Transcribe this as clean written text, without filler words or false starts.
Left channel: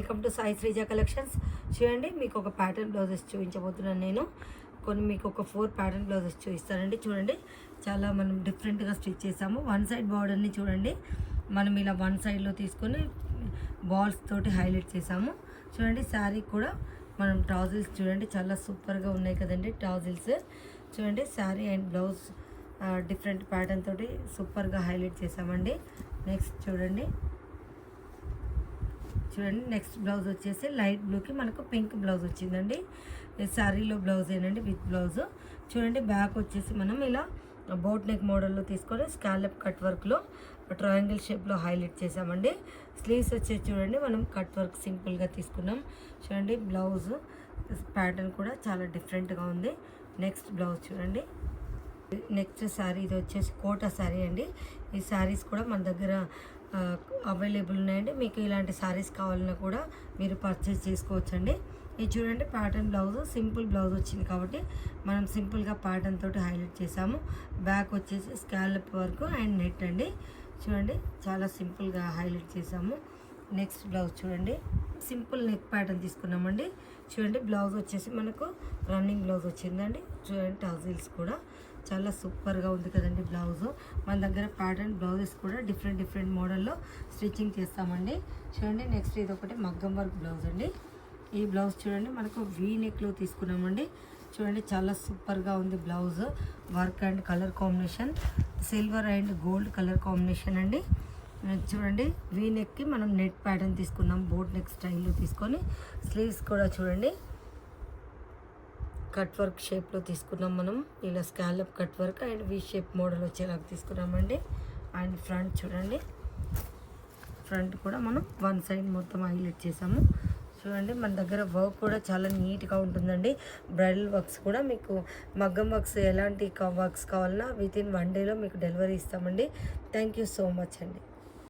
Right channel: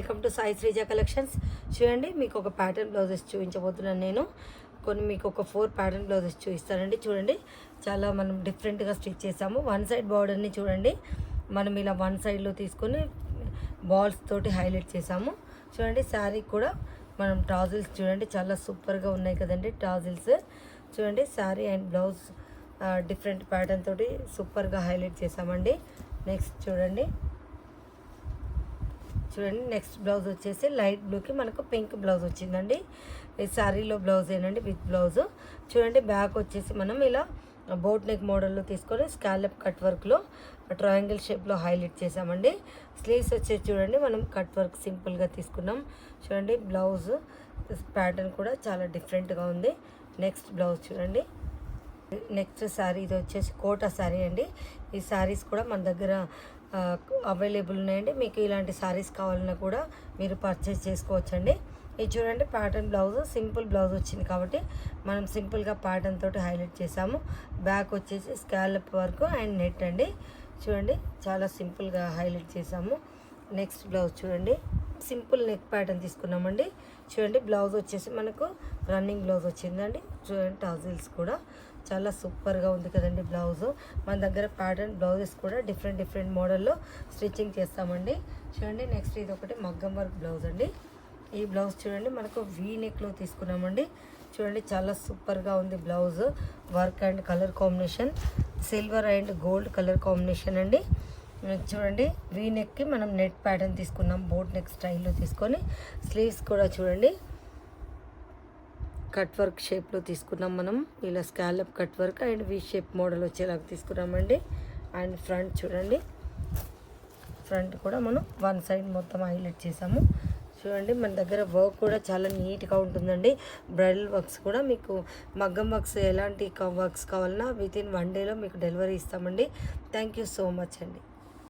Welcome to Sai Sreeja collections. చూడండి, మీకు ఒక ప్యాటర్న్ బ్లౌజెస్ చూపించబోతున్నాను నేను. మీకు ఒక 4 ప్యాటర్న్ బ్లౌజెస్ చూపిస్తానండి. చూడండి, చాలా మనం డిఫరెంట్గా స్టిచ్ చేసాము. వన్ సైడ్ బార్డర్ని చూడండి, మనం ఇలా వన్ సైడ్లో తీసుకొని బాల్స్ తోటి హైలైట్ చేసాము. చూడండి, శారీ కూడా మనం టాజిల్స్ చూడండి చాలా సూపర్గా ఉన్నాయి కదండి. టాజిల్స్ చూడండి, sari and blouse different pattern తోటి సూపర్గా హైలైట్ చేసామండి. నెక్స్ట్ చూడండి, నెక్స్ట్ బ్లౌజ్ వచ్చేసి లైట్ బ్లూకి మనకు పింక్ బ్లౌజ్ వచ్చిందండి. ఈ శారీలో బ్లౌజ్ ఏనండి విత్ బ్లౌజ్. చూడండి, బ్యాక్ వచ్చేసి మనం ఇలా బోట్ నెక్ మోడల్లో తీసుకొని స్కాలప్ కట్ వర్క్లో ట్రయాంగిల్ షేప్లో హైలైట్ చేసామండి. స్లీవ్స్ వచ్చేసి చూడండి, మనం కట్ వర్క్ సింపుల్గా తీసుకున్నాం. చూడండి, బ్లౌజ్ ప్యాటర్న్ కూడా చాలా డిఫరెంట్గా ఉంది. నెక్స్ట్ బ్లౌజ్ చూడండి. నెక్స్ట్ శారీ ఇది వచ్చేసి కోటా శారీ అండి. ఈ శారీస్ కూడా మన దగ్గర అవైలబుల్ ఉన్నాయండి. మీకు ఇలాంటి శారీస్ కావాలన్నా కూడా మీరు పర్చేస్ చేసుకోవచ్చండి. ఇది చూడండి, ప్యాటర్న్ బ్లౌజ్ సింపుల్ బ్లౌజ్ వచ్చింది కాబట్టి మనం సింపుల్గా ప్యాటర్న్ తోటి హైలైట్ చేసాము. బ్యాక్ వచ్చేసి స్కాలప్ వర్క్ అండ్ నెట్ అండి. చూడండి, చాలా సింపుల్గా హైలైట్ చేసాము. నెక్స్ట్ బ్లౌజ్ చూడండి, సింపుల్ నెక్ ప్యాటర్న్ తీసుకున్నామండి. చూడండి, బ్లౌజ్ వచ్చేసి మనకు రన్నింగ్ బ్లౌజ్ వచ్చిందండి. చూడండి, టాజిల్స్ కూడా చాలా సూపర్గా ఉంది కదండి బ్లౌజ్. మన దగ్గర ప్యాటర్న్ బ్లౌజెస్ కూడా డిఫరెంట్ మోడల్లో స్టిచ్చింగ్ చేస్తామండి. చూడండి, నెక్స్ట్ ఇది ఒకటి మగ్గం వర్క్ బ్లౌజ్ అండి. ఈ బ్లౌజ్ చూడండి, మనకు వీ నెక్లో తీసుకున్నామండి. చూడండి, చాలా సూపర్గా ఉంది blouse. Work and colour combination silver and gold colour combination అండి. చూడండి, వీ నెక్కి మనం నెట్ ప్యాటర్న్ తీసుకున్నాం, బోట్ నెక్ స్టైల్లో తీసుకొని. స్లీవ్స్ కూడా చూడండి కట్ వర్క్ షేప్లో తీసుకున్నాం. మనం ఇలా scallop cut work and V shape model వచ్చేలాగా తీసుకున్నామండి. అండ్ ఫ్రంట్ చూడండి, ఫ్రంట్ కూడా మనం వన్ సైడ్ మొత్తం హైలైట్ చేసాము. చూడండి, మన దగ్గర వర్క్ కూడా చాలా నీట్గా ఉంటుందండి. బ్రైడల్ వర్క్స్ కూడా మీకు మగ్గం వర్క్స్ ఎలాంటి వర్క్స్ కావాలన్నా విత్ ఇన్ 1 డేలో మీకు డెలివరీ ఇస్తామండి. థ్యాంక్ యూ సో మచ్ అండి.